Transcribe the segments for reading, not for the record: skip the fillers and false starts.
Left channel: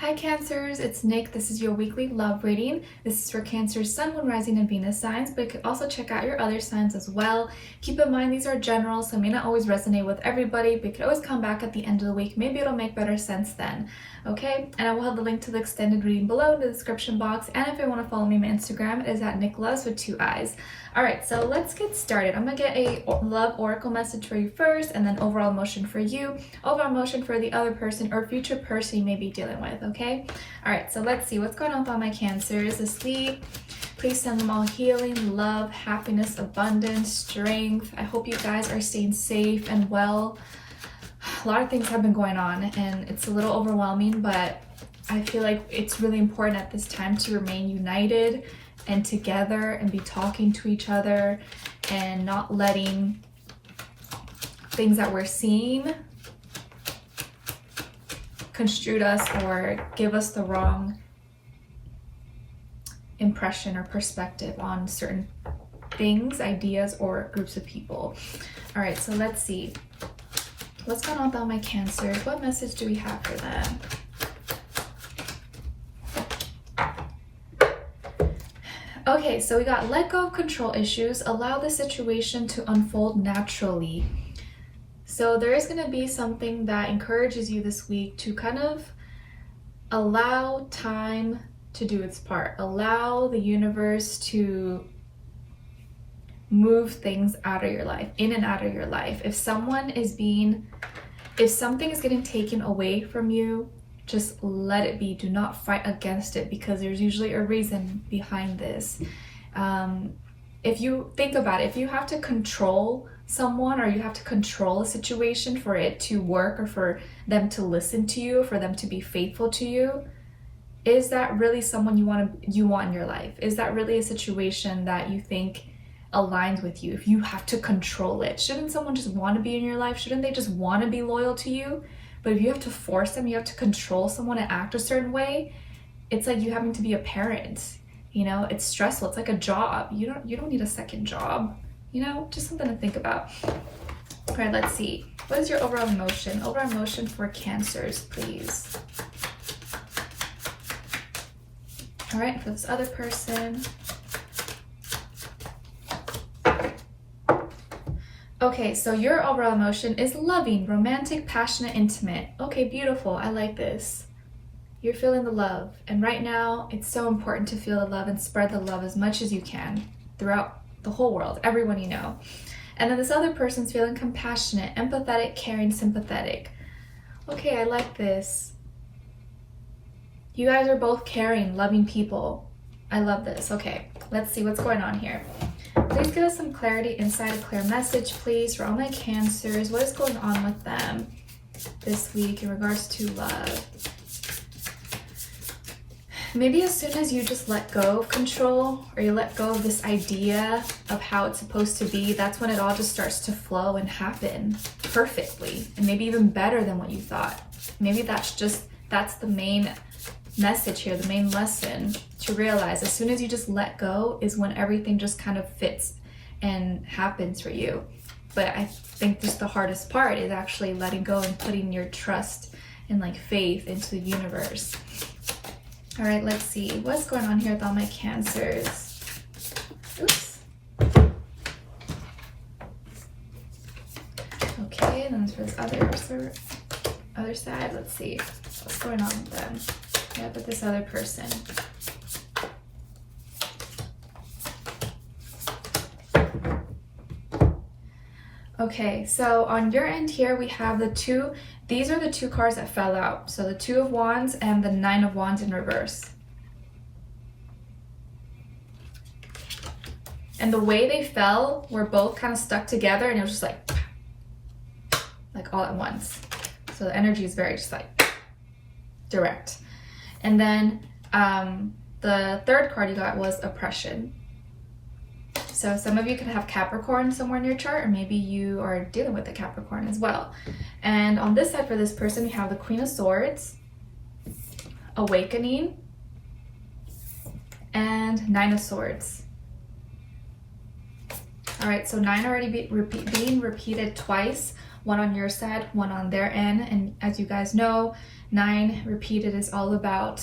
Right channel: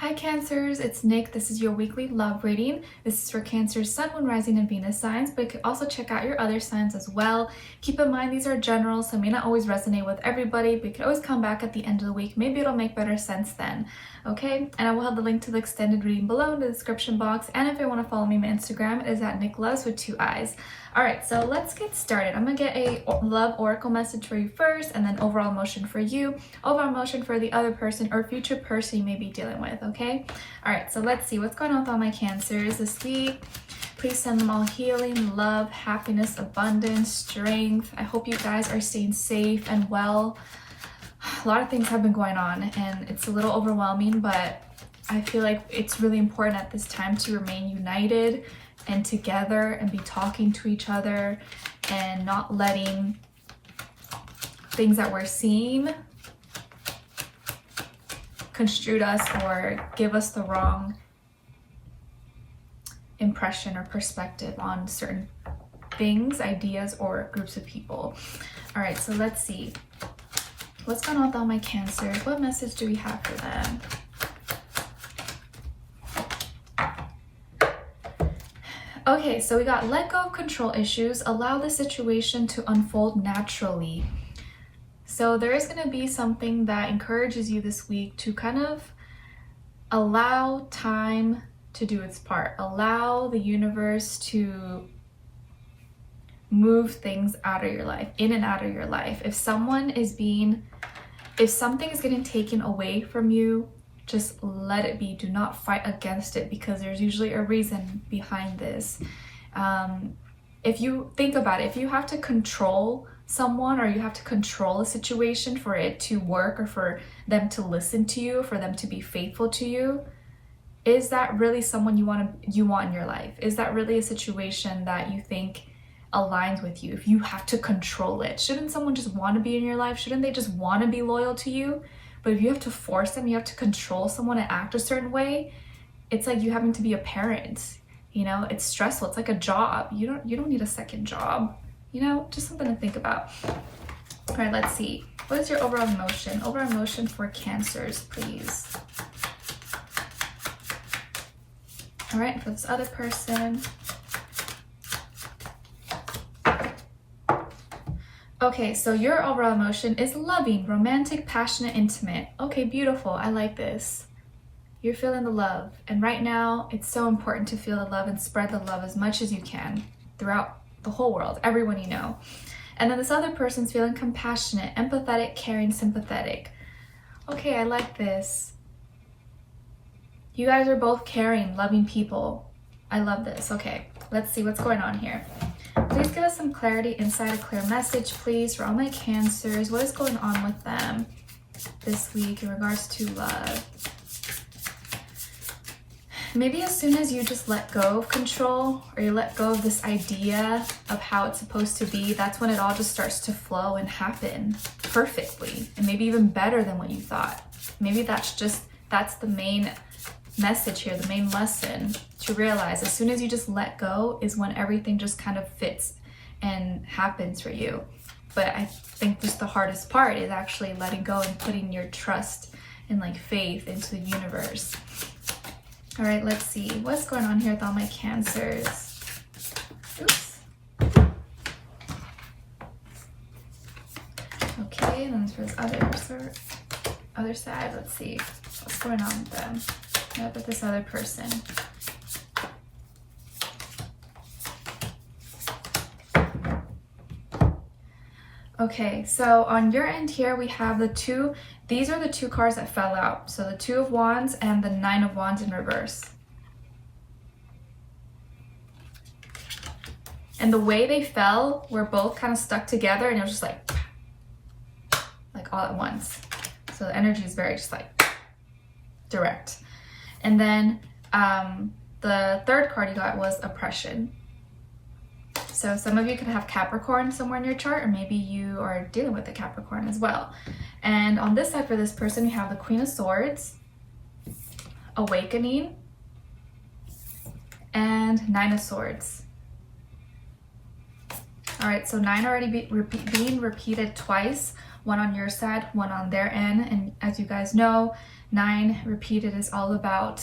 Hi Cancers, it's Nick. This is your weekly love reading. This is for Cancer's Sun, Moon, Rising, and Venus signs, but you can also check out your other signs as well. Keep in mind these are general, so it may not always resonate with everybody, but you can always come back at the end of the week. Maybe it'll make better sense then, okay? And I will have the link to the extended reading below in the description box, and if you want to follow me on my Instagram, it is at Nicloves with 2 eyes. Alright, so let's get started. I'm going to get a love oracle message for you first, and then overall emotion for you, overall emotion for the other person or future person you may be dealing with, okay? Alright, so let's see what's going on with all my Cancers this week. Please send them all healing, love, happiness, abundance, strength. I hope you guys are staying safe and well. A lot of things have been going on, and it's a little overwhelming, but I feel like it's really important at this time to remain united and together and be talking to each other and not letting things that we're seeing construe us or give us the wrong impression or perspective on certain things, ideas, or groups of people. All right, so let's see. What's going on with all my Cancers? What message do we have for them? Okay, so we got let go of control issues, allow the situation to unfold naturally. So there is going to be something that encourages you this week to kind of allow time to do its part. Allow the universe to move things out of your life, in and out of your life. If something is getting taken away from you, just let it be. Do not fight against it, because there's usually a reason behind this. If you think about it, if you have to control someone or you have to control a situation for it to work or for them to listen to you, for them to be faithful to you, is that really someone you want in your life? Is that really a situation that you think aligns with you if you have to control it? Shouldn't someone just want to be in your life? Shouldn't they just want to be loyal to you? But if you have to force them, you have to control someone to act a certain way, it's like you having to be a parent. You know, it's stressful. It's like a job. You don't need a second job. You know, just something to think about. All right, let's see. What is your overall emotion? Overall emotion for Cancers, please. All right, for this other person. Okay, so your overall emotion is loving, romantic, passionate, intimate. Okay, beautiful. I like this. You're feeling the love. And right now, it's so important to feel the love and spread the love as much as you can throughout the whole world, everyone you know. And then this other person's feeling compassionate, empathetic, caring, sympathetic. Okay, I like this. You guys are both caring, loving people. I love this. Okay, let's see what's going on here. Please give us some clarity, insight, a clear message, please, for all my Cancers. What is going on with them this week in regards to love? Maybe as soon as you just let go of control, or you let go of this idea of how it's supposed to be, that's when it all just starts to flow and happen perfectly, and maybe even better than what you thought. Maybe that's the main message here, the main lesson to realize. As soon as you just let go is when everything just kind of fits and happens for you. But I think just the hardest part is actually letting go and putting your trust and like faith into the universe. All right, let's see what's going on here with all my Cancers. Oops. Okay, and then for this other side, let's see what's going on with them. Yeah, with this other person. Okay, so on your end here, we have the two. These are the two cards that fell out. So the 2 of Wands and the 9 of Wands in reverse. And the way they fell were both kind of stuck together, and it was just like all at once. So the energy is very just like direct. And then the third card you got was oppression. So some of you could have Capricorn somewhere in your chart, or maybe you are dealing with a Capricorn as well. And on this side for this person, we have the Queen of Swords, awakening, and 9 of Swords. All right, so 9 already being repeated twice, one on your side, one on their end. And as you guys know, 9 repeated is all about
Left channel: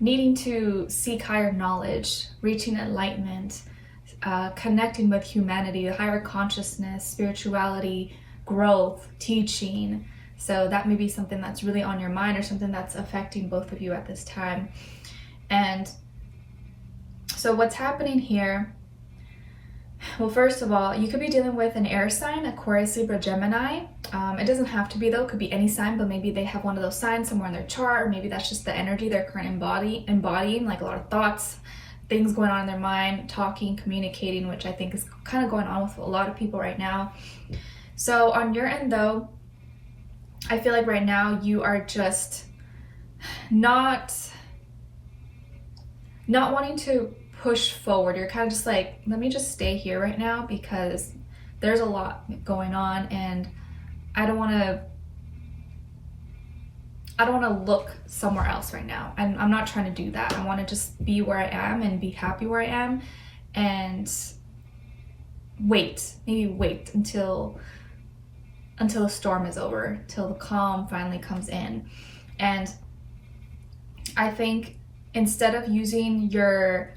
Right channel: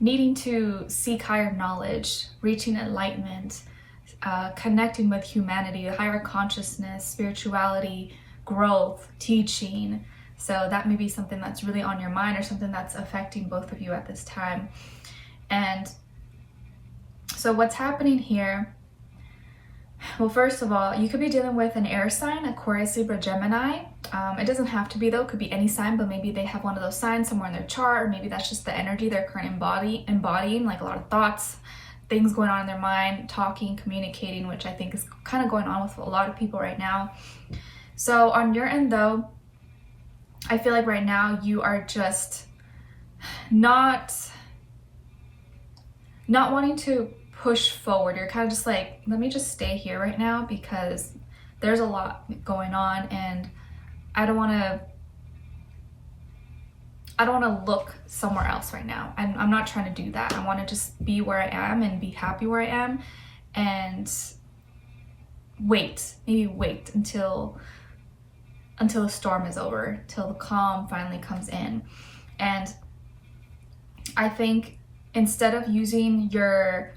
needing to seek higher knowledge, reaching enlightenment, connecting with humanity, higher consciousness, spirituality, growth, teaching. So that may be something that's really on your mind or something that's affecting both of you at this time. And so what's happening here, well, first of all, you could be dealing with an air sign, Aquarius, Libra, Gemini. It doesn't have to be though, it could be any sign, but maybe they have one of those signs somewhere in their chart, or maybe that's just the energy they're currently embodying, like a lot of thoughts, things going on in their mind, talking, communicating, which I think is kind of going on with a lot of people right now. So on your end though, I feel like right now you are just not wanting to push forward. You're kind of just like, let me just stay here right now because there's a lot going on and I don't want to look somewhere else right now. I'm not trying to do that. I want to just be where I am and be happy where I am and maybe wait until the storm is over, till the calm finally comes in. And I think instead of using your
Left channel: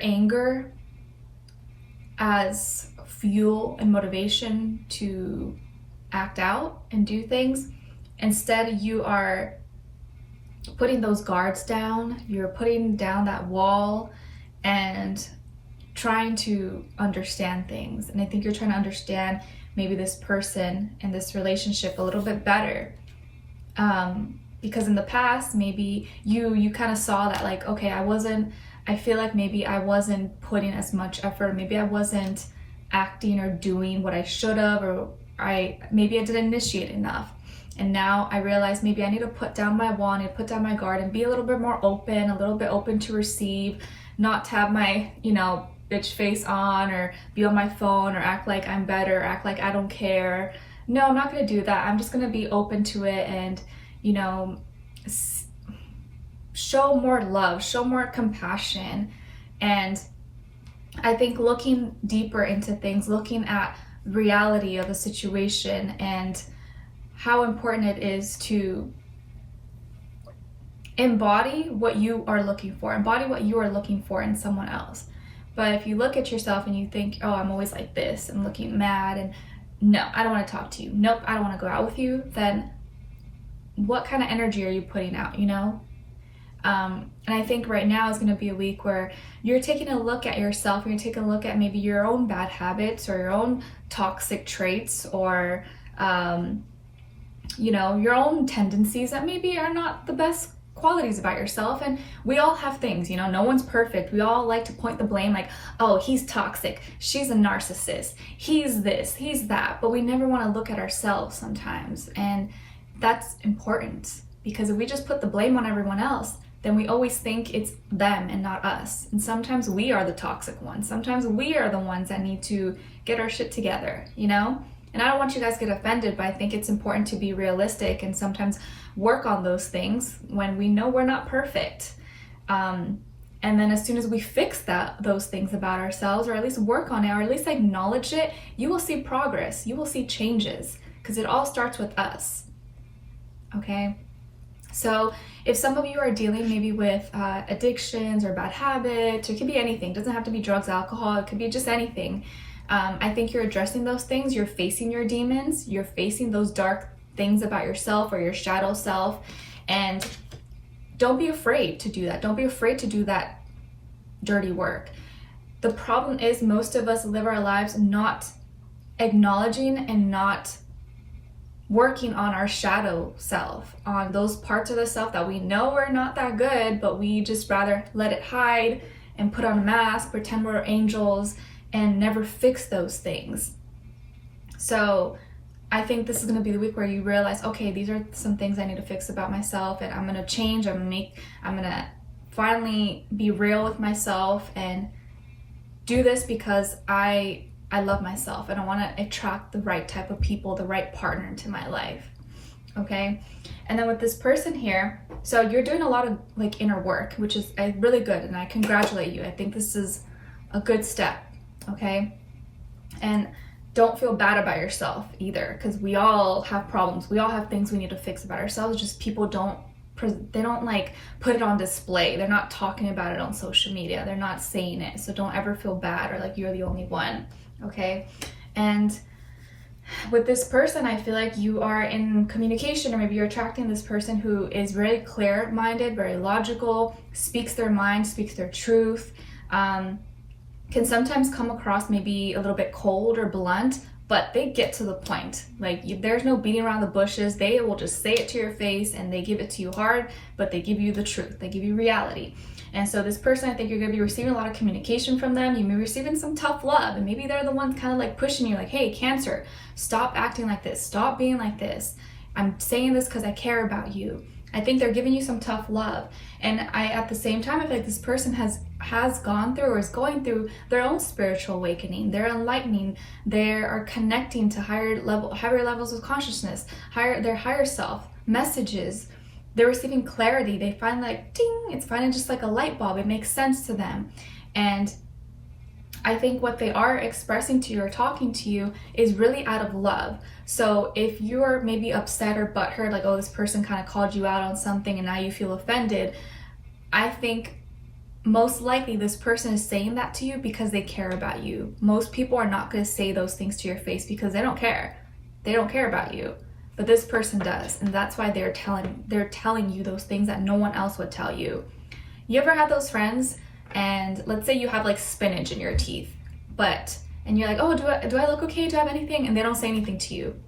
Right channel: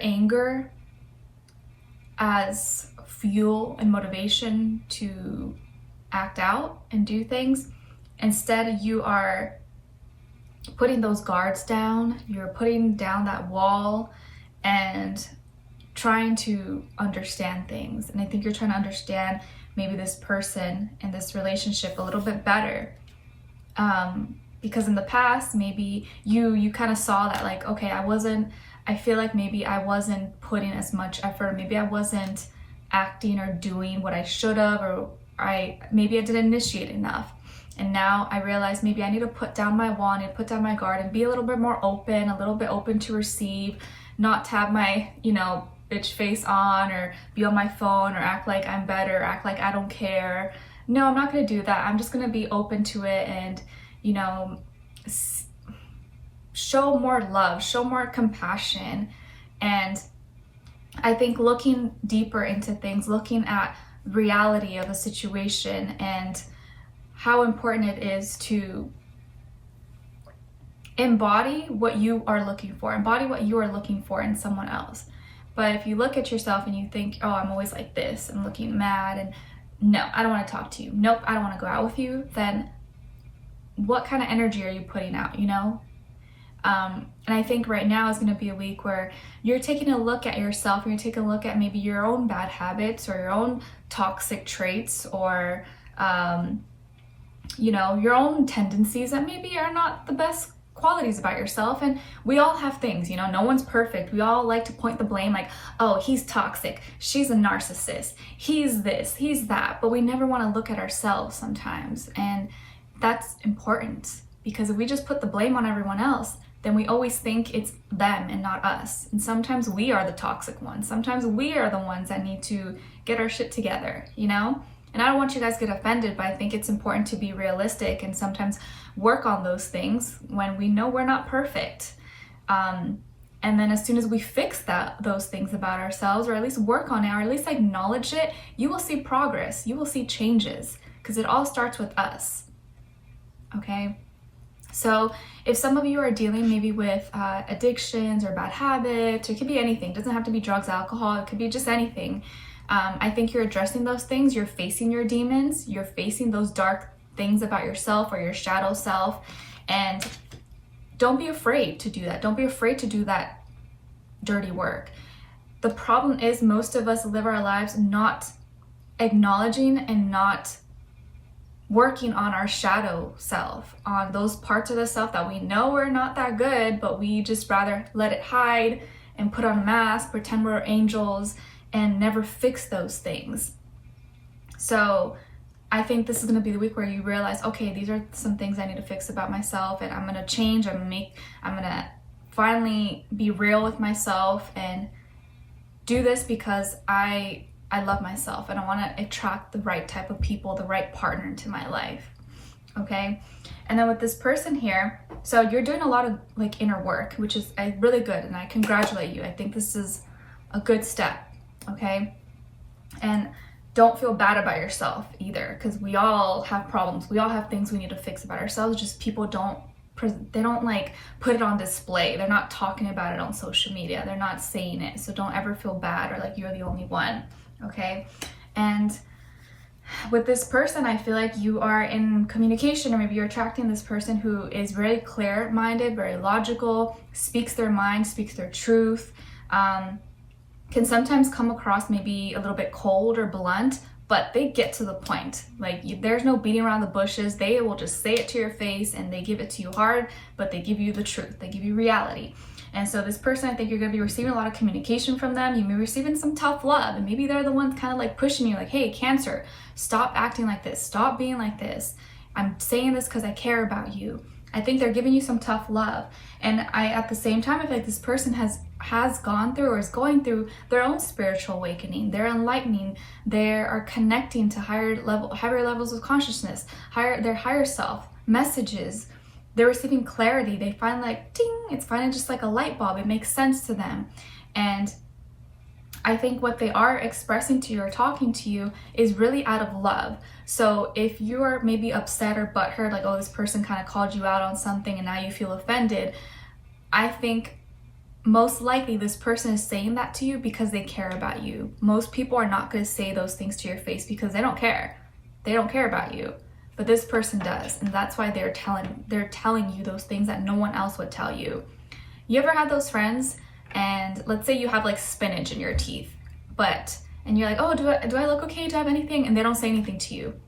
anger as fuel and motivation to act out and do things, instead you are putting those guards down, you're putting down that wall and trying to understand things. And I think you're trying to understand maybe this person and this relationship a little bit better. Because in the past, maybe you kind of saw that like, okay, I feel like maybe I wasn't putting as much effort, maybe I wasn't acting or doing what I should have, or maybe I didn't initiate enough. And now I realize maybe I need to put down my wall, I need to put down my guard and be a little bit more open, a little bit open to receive, not to have my, bitch face on or be on my phone or act like I'm better, act like I don't care. No, I'm not going to do that. I'm just going to be open to it and, show more love, show more compassion. And I think looking deeper into things, looking at reality of a situation and how important it is to embody what you are looking for, in someone else. But if you look at yourself and you think, oh, I'm always like this, I'm looking mad, and no, I don't want to talk to you, nope, I don't want to go out with you, then what kind of energy are you putting out, And I think right now is going to be a week where you're taking a look at yourself, you're taking a look at maybe your own bad habits or your own toxic traits or, your own tendencies that maybe are not the best qualities about yourself. And we all have things, no one's perfect. We all like to point the blame like, oh, he's toxic, she's a narcissist, he's this, he's that. But we never want to look at ourselves sometimes. And that's important, because if we just put the blame on everyone else, then we always think it's them and not us. And sometimes we are the toxic ones. Sometimes we are the ones that need to get our shit together, And I don't want you guys to get offended, but I think it's important to be realistic and sometimes work on those things when we know we're not perfect. And then as soon as we fix those things about ourselves, or at least work on it, or at least acknowledge it, you will see progress, you will see changes, because it all starts with us. Okay? So if some of you are dealing maybe with addictions or bad habits, or it could be anything, it doesn't have to be drugs, alcohol, it could be just anything. I think you're addressing those things, you're facing your demons, you're facing those dark things about yourself or your shadow self, and don't be afraid to do that. Don't be afraid to do that dirty work. The problem is most of us live our lives not acknowledging and not working on our shadow self, on those parts of the self that we know are not that good, but we just rather let it hide and put on a mask, pretend we're angels, and never fix those things. So I think this is going to be the week where you realize, okay, these are some things I need to fix about myself, and I'm going to change, I'm going to finally be real with myself and do this because I love myself and I want to attract the right type of people, the right partner into my life. Okay? And then with this person here, so you're doing a lot of like inner work, which is really good, and I congratulate you. I think this is a good step. Okay? And don't feel bad about yourself either, because we all have problems. We all have things we need to fix about ourselves. Just people don't like put it on display. They're not talking about it on social media. They're not saying it. So don't ever feel bad or like you're the only one. Okay. And with this person, I feel like you are in communication, or maybe you're attracting this person who is very clear-minded, very logical, speaks their mind, speaks their truth, can sometimes come across maybe a little bit cold or blunt, but they get to the point. Like there's no beating around the bushes. They will just say it to your face, and they give it to you hard, but they give you the truth. They give you reality. And so this person, I think you're going to be receiving a lot of communication from them. You may be receiving some tough love, and maybe they're the ones kind of like pushing you like, hey, Cancer, stop acting like this. Stop being like this. I'm saying this because I care about you. I think they're giving you some tough love. And at the same time, I feel like this person has gone through or is going through their own spiritual awakening. They're enlightening. They are connecting to higher levels of consciousness, their higher self, messages. They're receiving clarity. They find like, ding, it's finally just like a light bulb. It makes sense to them. And I think what they are expressing to you or talking to you is really out of love. So if you're maybe upset or butthurt, like, oh, this person kind of called you out on something and now you feel offended, I think most likely this person is saying that to you because they care about you. Most people are not going to say those things to your face because they don't care. They don't care about you. But this person does, and that's why they're telling you those things that no one else would tell you. You ever had those friends, and let's say you have like spinach in your teeth, and you're like, oh, do I look okay? Do I have anything? And they don't say anything to you,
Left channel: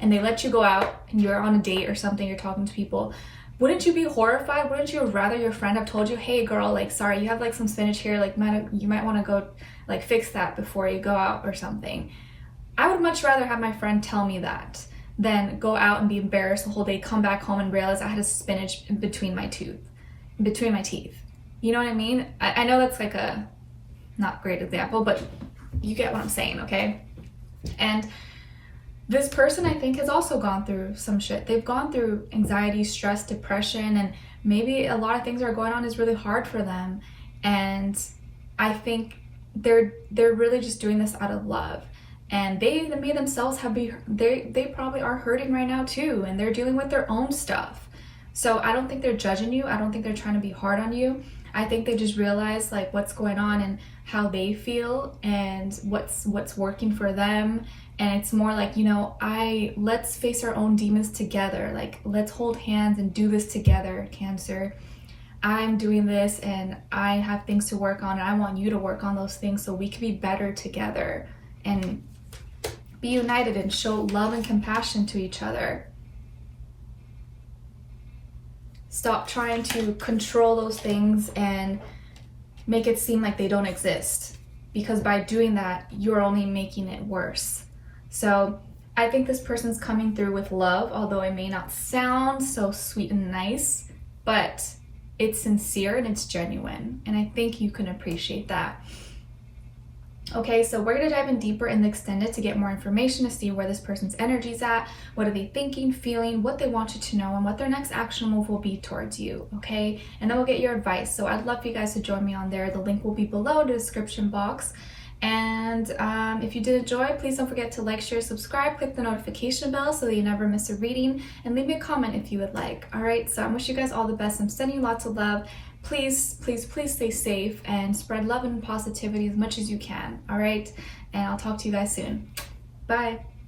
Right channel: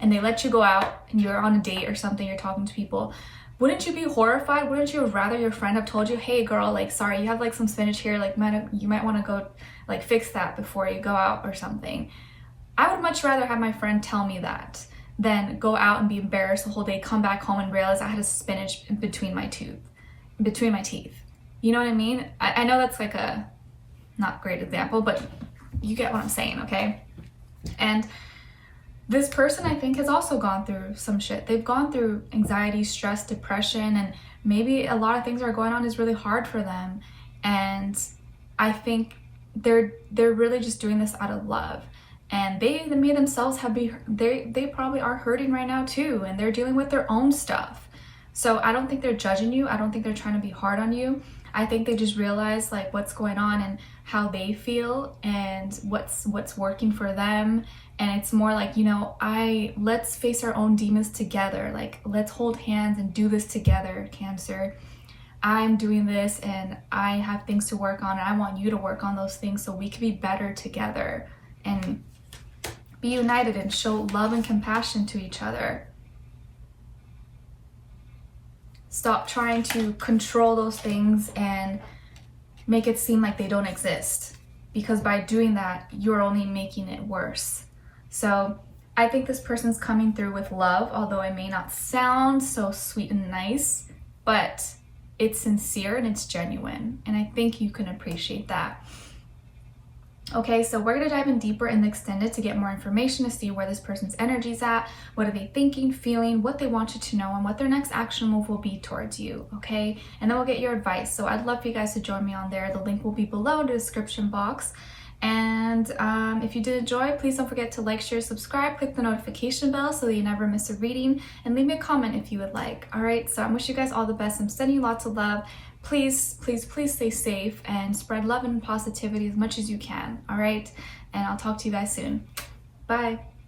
and they let you go out, and you're on a date or something, you're talking to people. Wouldn't you be horrified? Wouldn't you rather your friend have told you, hey girl, like, sorry, you have like some spinach here, like you might want to go like fix that before you go out or something? I would much rather have my friend tell me that than go out and be embarrassed the whole day, come back home and realize I had a spinach between my teeth. You know what I mean? I know that's like a not great example, but you get what I'm saying, okay? And this person, I think, has also gone through some shit. They've gone through anxiety, stress, depression, and maybe a lot of things are going on is really hard for them. And I think they're really just doing this out of love. And they themselves they probably are hurting right now too, and they're dealing with their own stuff. So I don't think they're judging you. I don't think they're trying to be hard on you. I think they just realize like what's going on and how they feel and what's working for them. And it's more like, let's face our own demons together. Like, let's hold hands and do this together, Cancer. I'm doing this and I have things to work on, and I want you to work on those things so we can be better together and be united and show love and compassion to each other. Stop trying to control those things and make it seem like they don't exist, because by doing that, you're only making it worse. So I think this person's coming through with love, although it may not sound so sweet and nice, but it's sincere and it's genuine. And I think you can appreciate that. Okay, so we're going to dive in deeper in the extended to get more information to see where this person's energy's at, what are they thinking, feeling, what they want you to know, and what their next action move will be towards you, okay? And then we'll get your advice. So I'd love for you guys to join me on there. The link will be below in the description box. And if you did enjoy, please don't forget to like, share, subscribe, click the notification bell so that you never miss a reading, and leave me a comment if you would like. All right, so I wish you guys all the best. I'm sending you lots of love. Please, please, please stay safe and spread love and positivity as much as you can. All right, and I'll talk to you guys soon. Bye.